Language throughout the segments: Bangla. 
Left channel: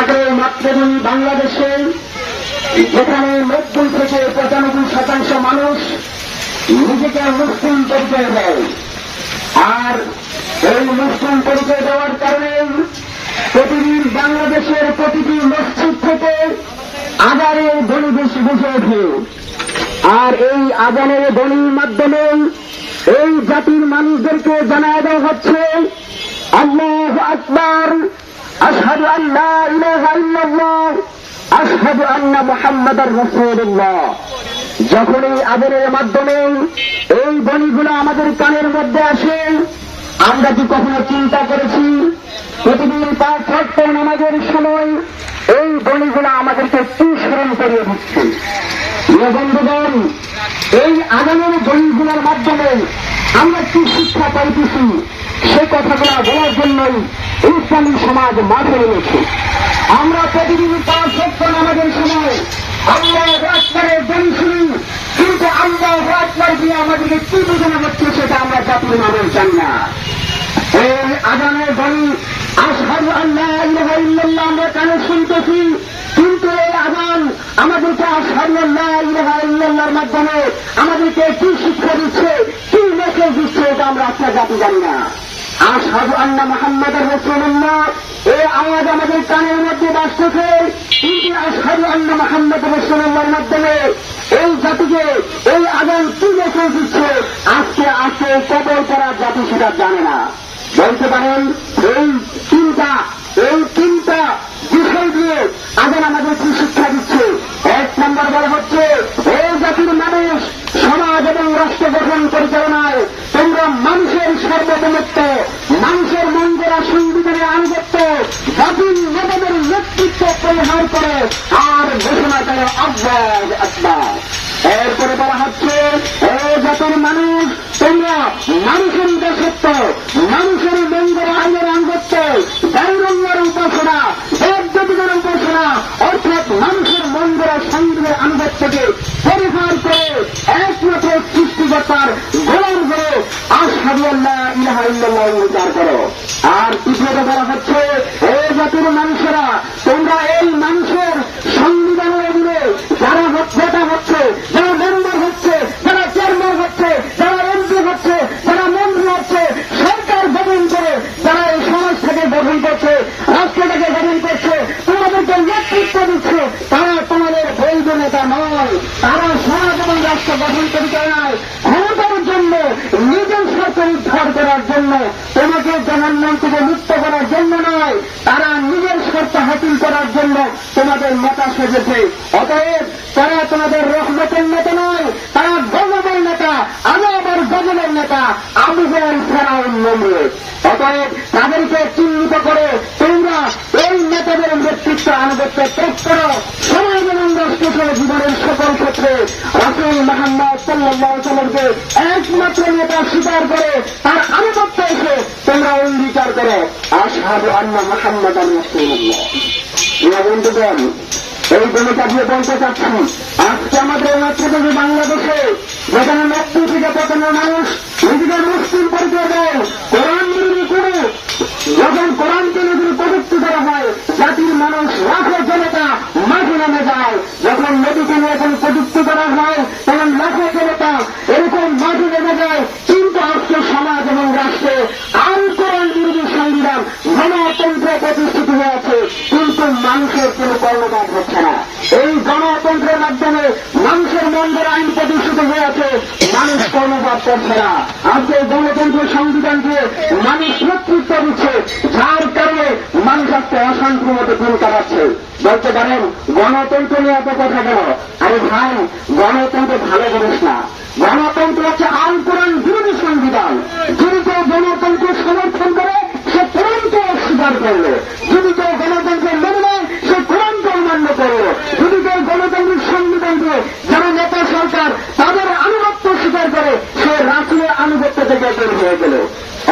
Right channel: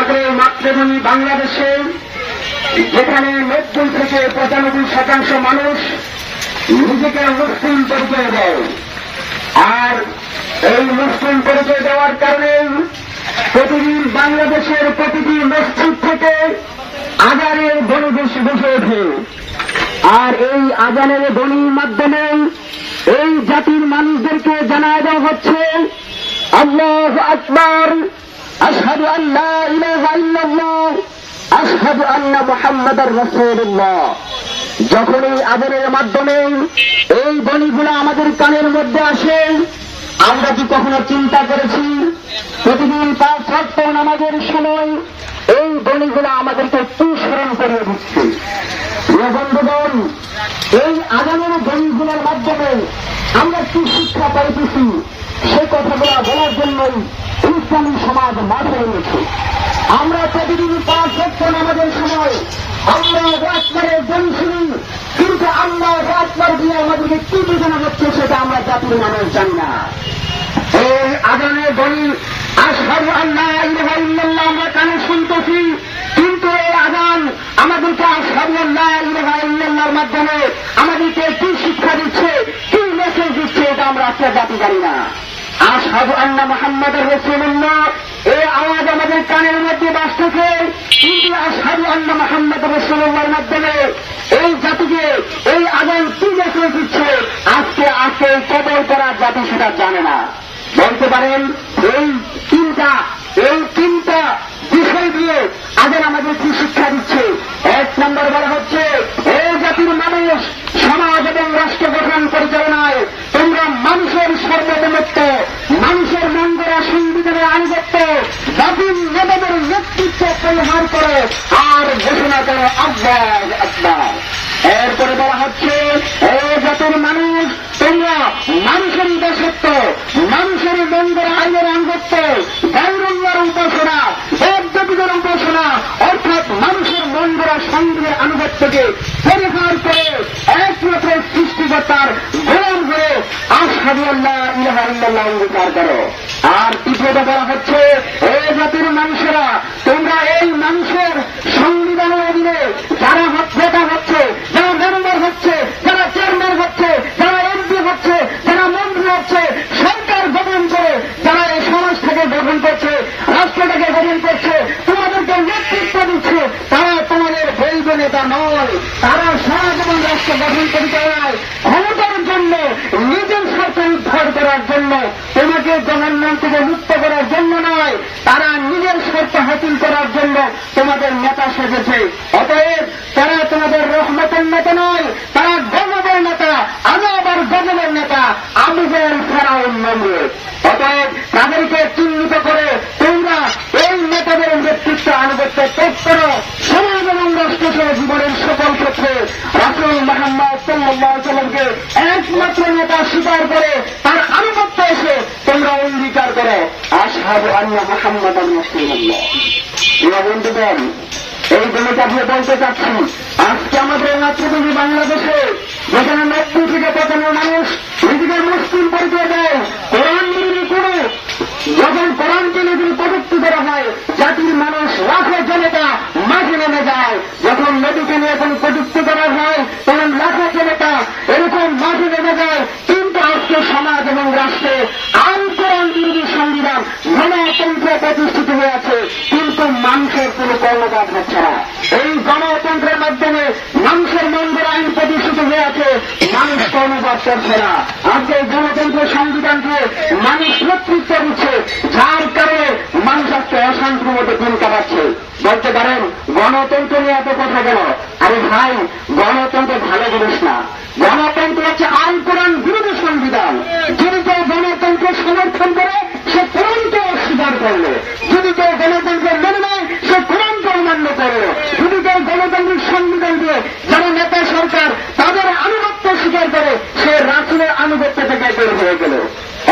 আমাদের এই মাতৃভূমি বাংলাদেশে যেখানে 90 থেকে 95% মানুষ নিজেকে মুসলিম পরিচয় দেয়, আর এই মুসলিম পরিচয় দেওয়ার কারণে প্রতিদিন বাংলাদেশের প্রতিটি মসজিদ থেকে আজানের ধ্বনি বসে ওঠে। আর এই আজানের ধ্বনির মাধ্যমে এই জাতির মানুষদেরকে জানায় দেওয়া হচ্ছে আল্লাহু আকবার, আশহাদু আল্লা ইলাহা ইল্লাল্লাহ, আশহাদু আন্না মুহাম্মাদার রাসূলুল্লাহ। যখন এই আজানের মাধ্যমে এই ধ্বনিগুলো আমাদের কানের মধ্যে আসে, আমরা কি কখনো চিন্তা করেছি প্রতিদিন 5 ওয়াক্ত নামাজের সময় এই ধ্বনিগুলো আমাদেরকে একটু স্মরণ করিয়ে দিচ্ছে? বন্ধুগণ, এই আজানের ধ্বনিগুলোর মাধ্যমে আমরা কি শিক্ষা পাইতেছি সে কথাগুলো বলার জন্যই ইসলামী সমাজ মাঠে নেমেছে। আমরা প্রতিদিন 5 ওয়াক্ত নামাজের সময় আল্লাহু আকবারের ধ্বনি শুনি, কিন্তু আল্লাহু আকবার দিয়ে আমাদেরকে কি বোঝানো হচ্ছে সেটা আমরা জাতির নামে জানি না। এই আজানের ধ্বনি আশহাদু আল্লা ইলাহা ইল্লাল্লাহ আমরা কানে শুনতেছি, কিন্তু এই আজান আমাদেরকে আশহাদু আল্লা ইলাহা ইল্লাল্লাহর মাধ্যমে আমাদেরকে কি শিক্ষা দিচ্ছে, কি মেসেজ দিচ্ছে, এটা আমরা আপনার জাতি জানি না। আশহাদু আন্না মুহাম্মাদার রাসূলুল্লাহ এই আওয়াজ আমাদের কানের মধ্যে বাজতেছে, কিন্তু আশহাদু আন্না মুহাম্মাদার রাসূলুল্লাহর মাধ্যমে এই জাতিকে এই আজান কি মেসেজ দিচ্ছে আজকে কবর করার জাতি সেটা জানে না। বলতে পারেন এই তিনটা বিষয় দিয়ে আজান আমাদের কি শিক্ষা দিচ্ছে? 1 নম্বর বলা হচ্ছে এই জাতির মানুষ সমাজ এবং রাষ্ট্র গঠন পরিচালনায় তোমরা মানুষের সার্বভৌমত্ব, মানুষের মঙ্গলা সংবিধানের আনুগত্য, জাতির নেতাদের নেতৃত্ব পরিহার করে আর ঘোষণা করে আল্লাহু আকবার। এরপরে বলা হচ্ছে এই জাতির মানুষ তোমরা মানুষেরই দাসত্ব, মানুষেরই মঙ্গলা আইনের আনুগত্য, গায়রুল্লাহর উপাসনা, দেবদেবীদের উপাসনা অর্থাৎ মানুষের মঙ্গলা সংবিধানের আনুগত্যকে পরিহার করে একমাত্র সৃষ্টিকর্তার গোলাম হয়ে আশহাদু আল্লা ইলাহা ইল্লাল্লাহ অঙ্গীকার করো। আর তৃতীয়ত বলা হচ্ছে এই জাতির মানুষেরা তোমরা এই মানুষের সংবিধানের অধীনে যারা নেতা হচ্ছে, যারা মেম্বার হচ্ছে, যারা চেয়ারম্যান হচ্ছে, যারা এমপি হচ্ছে, যারা মন্ত্রী হচ্ছে, সরকার গঠন করে যারা এই সমাজটাকে গঠন করছে, রাষ্ট্রটাকে গঠন করছে, তোমাদেরকে নেতৃত্ব দিচ্ছে, তারা তোমাদের বৈধ নেতা নয়। তারা সমাজ এবং রাষ্ট্র গঠন পরিচালনায় ক্ষমতার জন্য, নিজের স্বার্থ উদ্ধার করার জন্য, তোমাকে জনগণ থেকে মুক্ত করার জন্য নয়, তারা নিজের স্বার্থ হাসিল করার জন্য তোমাদের নেতা সেজেছে। অতএব তারা তোমাদের রহমতের নেতা নয়, তারা গজবের নেতা, আযাব আর গজবের নেতা, আবু জাহেল, ফিরআউন, নমরুদ। অতএব তাদেরকে চিহ্নিত করে তোমরা এই নেতাদের নেতৃত্ব আনুগত্য ত্যাগ করো। সমাজ এবং রাষ্ট্রসহ জীবনের সকল ক্ষেত্রে রাসূল মুহাম্মদ সাল্লাল্লাহু আলাইহি ওয়াসাল্লামকে একমাত্র নেতা স্বীকার করে তার আনুগত্য এসে তোমরা অঙ্গীকার করো আশহাদু আন্না মুহাম্মাদার রাসূলুল্লাহ। বন্ধুগণ, এই জন্যটা দিয়ে বলতে চাচ্ছি আজকে আমাদের মাতৃভূমি বাংলাদেশে যেখানে 90 থেকে 95% মানুষ নিজেদের মুসলিম পরিচয় দেয়, কোরআন বিরোধী করে যখন কোরআনকে নিজের কটূক্তি করা হয় জাতির মানুষ লাখো জনতা মাঠে নেমে যায়। যখন নবীকে নিয়ে এখন কটূক্তি করা হয় তখন লাখো জনতা এরকম মাঠে নেমে যায়। কিন্তু আজকে সমাজ এবং রাষ্ট্রে আইন কোরআন বিরোধী সংবিধান গণতন্ত্র প্রতিষ্ঠিত হয়ে আছে, কিন্তু মানুষের কোন কর্ণপাত হচ্ছে না। এই গণতন্ত্রের মাধ্যমে মানুষের মঙ্গল আইন প্রতিষ্ঠিত হয়ে আছে, মানুষ কর্ণপাত করছে না। আজকে গণতন্ত্র সংবিধানকে মানুষ নেতৃত্ব দিচ্ছে, যার কারণে মানুষ আজকে অশান্তির মধ্যে দিন কাটাচ্ছে। বলতে পারেন গণতন্ত্র নিয়ে এত কথা কেন? আরে ভাই, গণতন্ত্র ভালো জিনিস না। গণতন্ত্র হচ্ছে আইন কোরআন বিরোধী সংবিধান। যদি কেউ গণতন্ত্রের সমর্থন করে সে কোরআনকে অস্বীকার করলো, যদি কেউ গণতন্ত্র মেনে নেয় সে কোরআনকে অমান্য করলো, যদি কেউ গণতন্ত্রের সংবিধানকে যারা নেতা সরকার তাদের আনুগত্য স্বীকার করে সে রাসূলের আনুগত্য থেকে বের হয়ে গেল।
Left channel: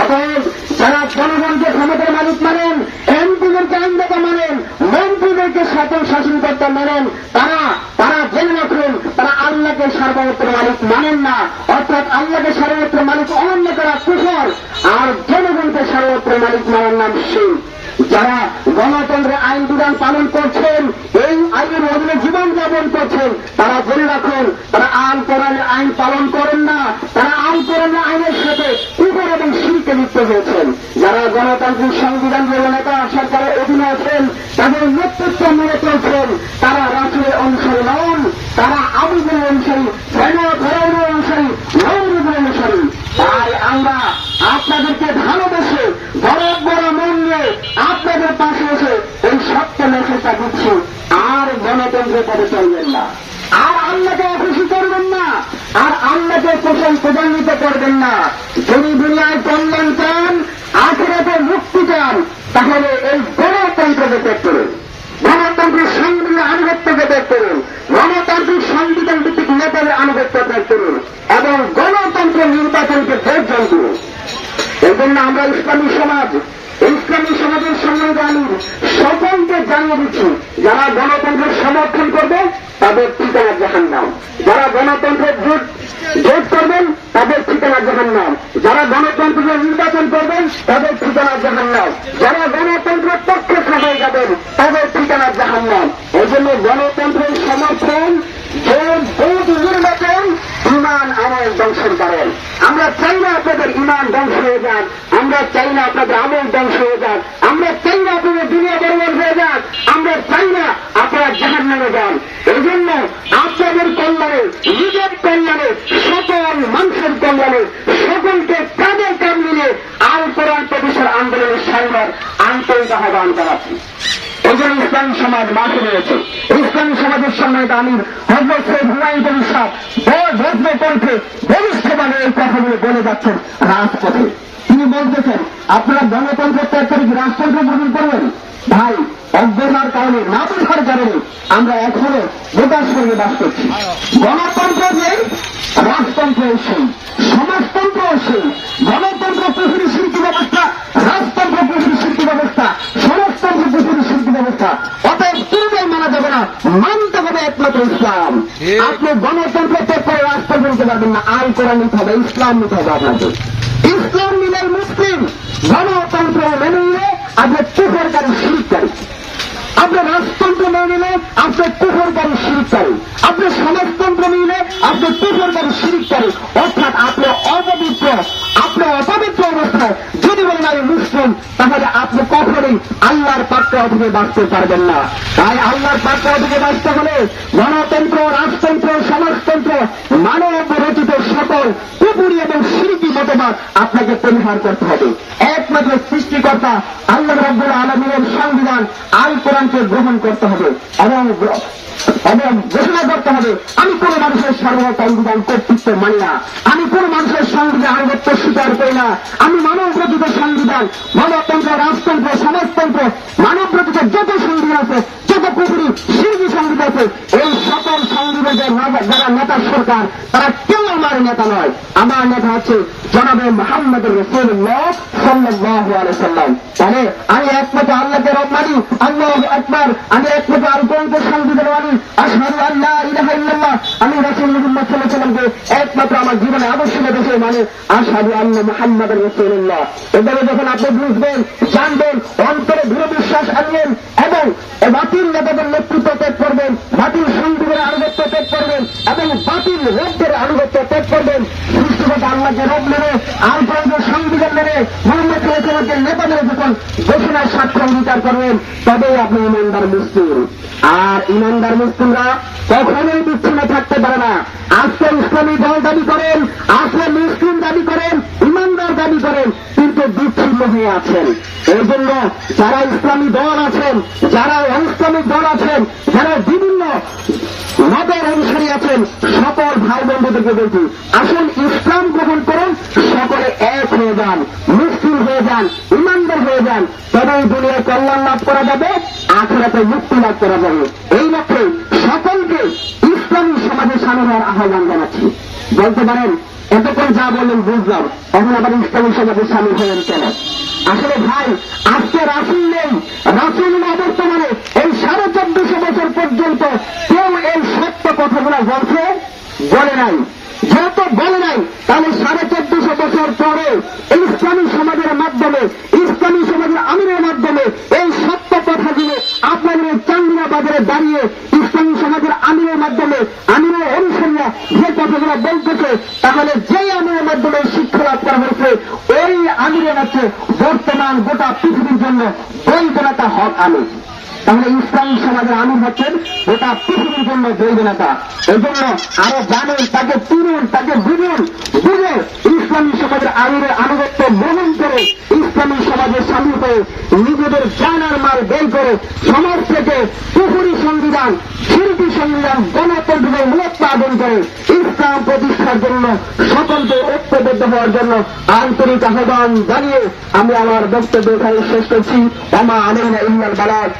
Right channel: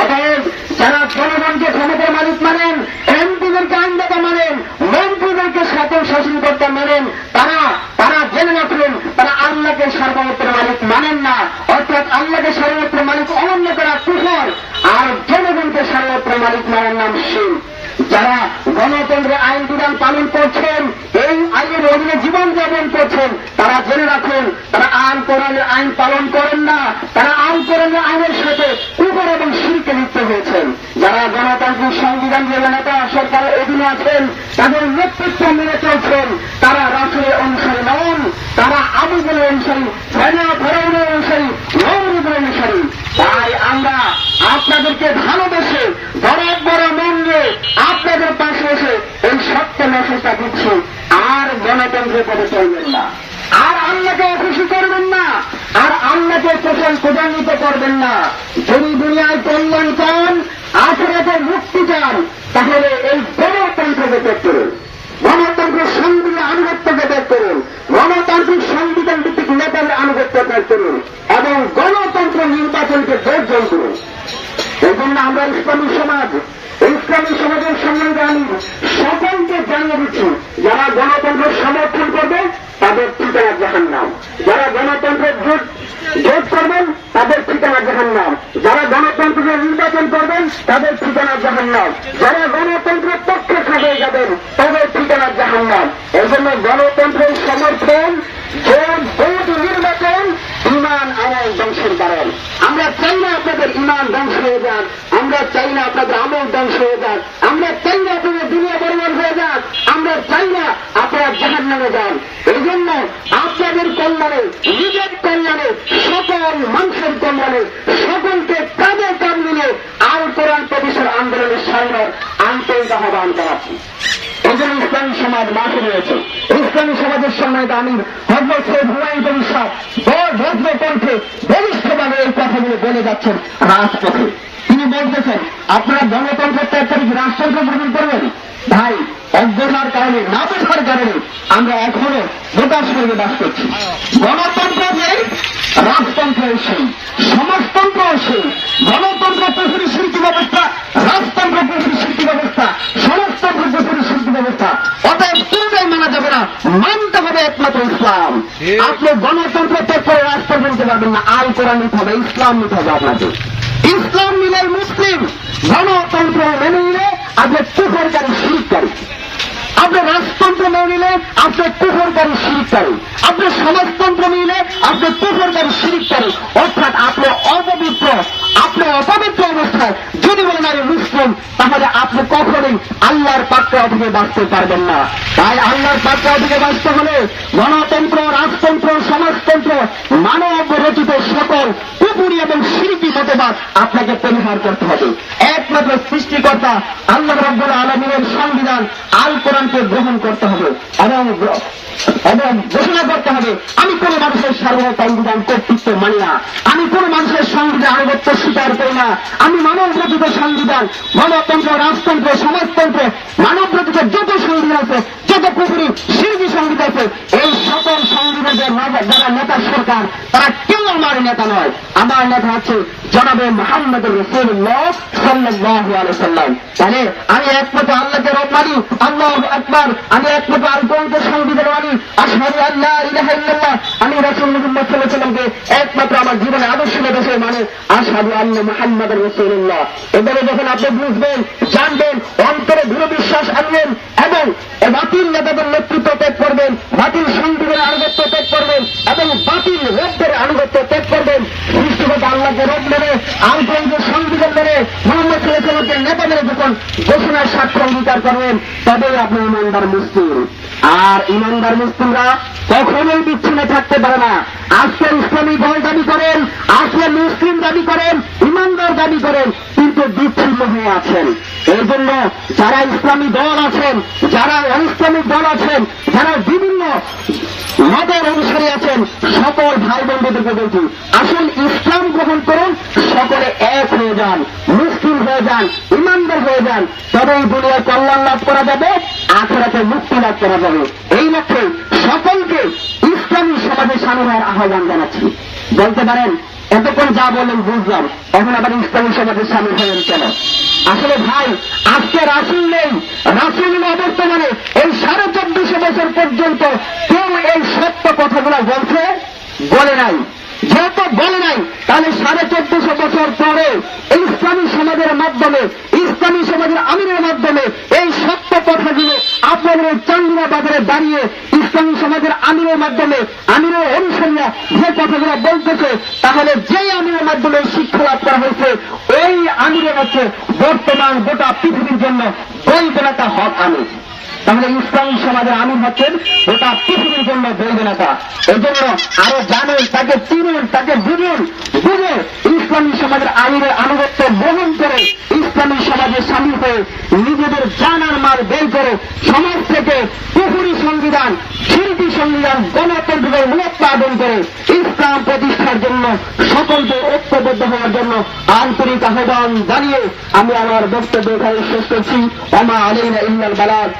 অতএব যারা জনগণকে ক্ষমতার মালিক মানেন, এমপিদেরকে আইনদাতা মানেন, মন্ত্রীদেরকে শাসনকর্তা মানেন, তারা জেনে রাখুন তারা আল্লাহকে সার্বভৌমত্ব মালিক মানেন না। অর্থাৎ আল্লাহকে সার্বভৌমত্ব মালিক অমান্য করা কুফর, আর জনগণকে সার্বভৌমত্ব মালিক মানার নাম শিরক। যারা গণতন্ত্রের আইন বিধান পালন আছেন তাদের নেতৃত্বের মেনে চলছেন, তারা রাসূলের অনুসারী নন, তারা আবু বকরের অনুসারী, ফেরাউনের অনুসারী, নমরুদের অনুসারী। তাই আমরা আপনাদেরকে ভালোবেসে বড় মন নিয়ে আপনাদের পাশে এসে এই সত্য মেসেজটা দিচ্ছি। আর গণতন্ত্রের পথে চলবেন না, আর আল্লাহকে খুশি করবেন না, আর আল্লাহকে প্রদানিত করবেন না। যদি দুনিয়ায় কল্যাণ চান, আখিরাতে মুক্তি চান, তাহলে এই গণতন্ত্রকে ত্যাগ করুন, গণতন্ত্রের সংবিধানের আনুগত্যকে ত্যাগ করুন, গণতান্ত্রিক সংবিধান ভিত্তিক নেতাদের আনুগত্য ত্যাগ করুন এবং গণতন্ত্রের নির্বাচনকে বর্জন করুন। এই জন্য আমরা ইসলামী সমাজের সম্বন্ধে আমি সকলকে জানিয়ে দিচ্ছি, যারা গণতন্ত্রের সমর্থন করবে তাদের ঠিকানা জাহান্নাম, যারা গণতন্ত্রের জোট করবেন তাদের ঠিকানা জাহান্নাম, যারা গণতন্ত্রের নির্বাচন করবেন তাদের ঠিকানা জাহান্নাম, যারা গণতন্ত্রের পক্ষে হয়ে যাবেন তাদের ঠিকানা জাহান্নাম। এই জন্য গণতন্ত্রের সমর্থন, ভোট, নির্বাচন ইমান আমল ধ্বংসের কারণ। আমরা চাই না আপনাদের ইমান ধ্বংস হয়ে যাক, আমরা চাই না আপনাদের আমল ধ্বংস হয়ে যাক, আমরা চাই না আপনাদের দুনিয়া বরবাদ হয়ে যাক, আমরা চাই না আপনারা জাহান্নামে যান। এই জন্য আপনাদের কল্যাণে, নিজের কল্যাণে, সকল মানুষের কল্যাণে সকলকে কাঁধে কাঁধ মিলে আল কোরআন প্রতিষ্ঠার আন্দোলনের সামনে আন্তরিক আহ্বান জানাচ্ছি। ওজন ইসলামী সমাজ মাঠে রয়েছে, ইসলামী সমাজের সম্মানিত আমির হযরত সৈয়দ হুমায়ুন কবির সাহেব ভদ্র কণ্ঠে বলিষ্ঠভাবে এই কথাগুলো বলে যাচ্ছেন রাজপথে। তিনি বলতেছেন, আপনারা গণতন্ত্রের ত্যাগ করে রাষ্ট্রতন্ত্র গ্রহণ করবেন। ভাই, অজ্ঞতার কারণে, না বোঝার কারণে আমরা এখনো গোটা স্বর্গে বাস করছি। গণতন্ত্র নেই, রাজতন্ত্র সেই, সমাজতন্ত্র সেই। গণতন্ত্র পুরোপুরি শিল্পী ব্যবস্থা, রাজতন্ত্র পুরোপুরি শিল্পী ব্যবস্থা, সমাজতন্ত্র পুরোপুরি শিল্পী ব্যবস্থা। অতএব কোনটাই মানা যাবে না, মানতে হবে একমাত্র ইসলাম। আপনি গণতন্ত্র ত্যাগ করে রাজতন্ত্র নিতে পারবেন না, আল কোরআন নিতে হবে, ইসলাম নিতে হবে আপনাকে। ইসলাম মিলে মুসলিম, গণতন্ত্র মেনে নিলে আপনি কুফরকারী শিরককারী, আপনি রাজতন্ত্র মেনে নিলে আপনি কুফরকারী শিরককারী, আপনি সমাজতন্ত্র নিলে আপনি কুফরকারী শিরককারী। অর্থাৎ আপনি অপবিত্র, আপনি অপবিত্র অবস্থায় যদি বলেন আমি মুসলিম, তাহলে আপনি কখনোই আল্লাহর পাকড়াও থেকে বাঁচতে পারবেন না। তাই আল্লাহর পাকড়াও থেকে বাঁচতে হলে গণতন্ত্র, রাজতন্ত্র, সমাজতন্ত্র, মানব রচিত সকল কুফরি এবং শিরকি মতবাদ আপনাকে পরিহার করতে হবে। একমাত্র সৃষ্টিকর্তা আল্লাহ রাব্বুল আলামিনের সংবিধান আল কোরআনকে গ্রহণ করতে হবে এবং ঘোষণা করতে হবে, আমি কোন মানুষের সার্বসংবিধান কর্তৃত্ব মানি না, আমি কোন মানুষের সংবিধান আনুগত্য স্বীকার করি না, আমি মানব রচিত সংবিধান, গণতন্ত্র, রাজতন্ত্র, সমাজতন্ত্র, মানব রচিত যত সংবিধান আছে, যত কুফরি শিরকি সংবিধান আছে, এই সকল সংবিধানের যারা নেতা সরকার, তারা কেউ আমার নেতা নয়। আমার নেতা হচ্ছে জনাবে মুহাম্মদ রাসূলুল্লাহ সাল্লাল্লাহু আলাইহি ওয়াসাল্লাম। তাহলে আমি একমাত্র আল্লাহকে রব মানি, আল্লাহু আকবার, আমি একমাত্র আল কোরআনকে সংবিধান মানি, আশহাদু আল্লা ইলাহা ইল্লাল্লাহ, আমি রাসূলুল্লাহ সাল্লাল্লাহু আলাইহি ওয়াসাল্লামকে একমাত্র আমার জীবনে আদর্শ হিসেবে মানি, আশহাদু আন্না মুহাম্মাদুর রাসূলুল্লাহ। এবারে যখন আপনি বুঝবেন, জানবেন, অন্তরে দৃঢ় বিশ্বাস আনবেন এবং বাতিল নেতাদের নেতৃত্ব ত্যাগ করবেন, বাতিল সংবিধানের আনুগত্য ত্যাগ করবেন এবং বাতিল রবদের আনুগত্য ত্যাগ করবেন, সৃষ্টিকর্তা আল্লাহকে রব মেনে, আল কোরআনের সংবিধান মেনে, মুহাম্মদ সাল্লাল্লাহু আলাইহি ওয়াসাল্লামের নেতা মেনে যখন ঘোষণার সাক্ষ্য অঙ্গীকার করবেন, তবে আপনি ইমানদার মুসলিম। আর ইমানদার মুসলিমরা কখনোই বিচ্ছিন্ন থাকতে পারে না। আজকে ইসলামী দল দাবি করেন, আজকে মুসলিম দাবি করেন, ইমানদার দাবি করেন, কিন্তু বিচ্ছিন্ন হয়ে আছেন। এই জন্য যারা ইসলামী দল আছেন, যারা অনিসলামিক দল আছেন, যারা বিভিন্ন মতের অনুসারী আছেন, সকল ভাই বন্ধুদেরকে বলছি, আসুন ইসলাম গ্রহণ করুন, সকলে এক হয়ে যান, মুসলিম হয়ে যান, ইমানদার হয়ে যান, তবেই দুনিয়ার কল্যাণ লাভ করা যাবে, আখিরাতে মুক্তি লাভ করা যাবে। এই লক্ষ্যে সকলকে ইসলামী সমাজে সামিল হওয়ার আহ্বান জানাচ্ছি। বলতে পারেন এতক্ষণ যা বললেন বুঝলাম, এখন আবার ইসলামী সমাজে সামিল হলেন কেন? আসলে ভাই, আজকে রাসূল নেই, রাসূল অবর্তমানে এই 1450 বছর পর্যন্ত কেউ এই সত্য কথাগুলো বলে নাই। যেহেতু বলে নাই, তাহলে 1450 বছর পরে ইসলামী সমাজের মাধ্যমে, ইসলামী সমাজের আমিরের মাধ্যমে এই সত্য কথাগুলো আপনাদের চাঙ্গুরা বাজারে দাঁড়িয়ে ইসলামী সমাজের আমিরের মাধ্যমে আমিরের অনুসারীরা যে কথাগুলো বলতেছে, তাহলে যেই আমিরের মাধ্যমে শিক্ষা লাভ করা হয়েছে ওই আমিরের হচ্ছে বর্তমান গোটা পৃথিবীর জন্য বৈধ নেতা হক আমির। তাহলে ইসলামী সমাজের আমির হচ্ছেন গোটা পৃথিবীর জন্য বৈধ নেতা। এই জন্য আরো জানেন, তাকে চিনুন, তাকে বুঝুন, বুঝে ইসলামী সমাজের আমিরের আনুগত্য গ্রহণ করে ইসলামী সমাজে সামিল হয়ে নিজেদের জান আর মাল ব্যয় করে সমাজ থেকে কুফরি সংবিধান, শিরকি সংবিধান, গণতন্ত্রের মূলোৎপাদন করে ইসলাম প্রতিষ্ঠার জন্য সকলকে ঐক্যবদ্ধ হওয়ার জন্য আন্তরিক আহ্বান জানিয়ে আমি আমার বক্তব্য এখানে শেষ করছি। আমা আলাইনা ইল্লাল বালাগ।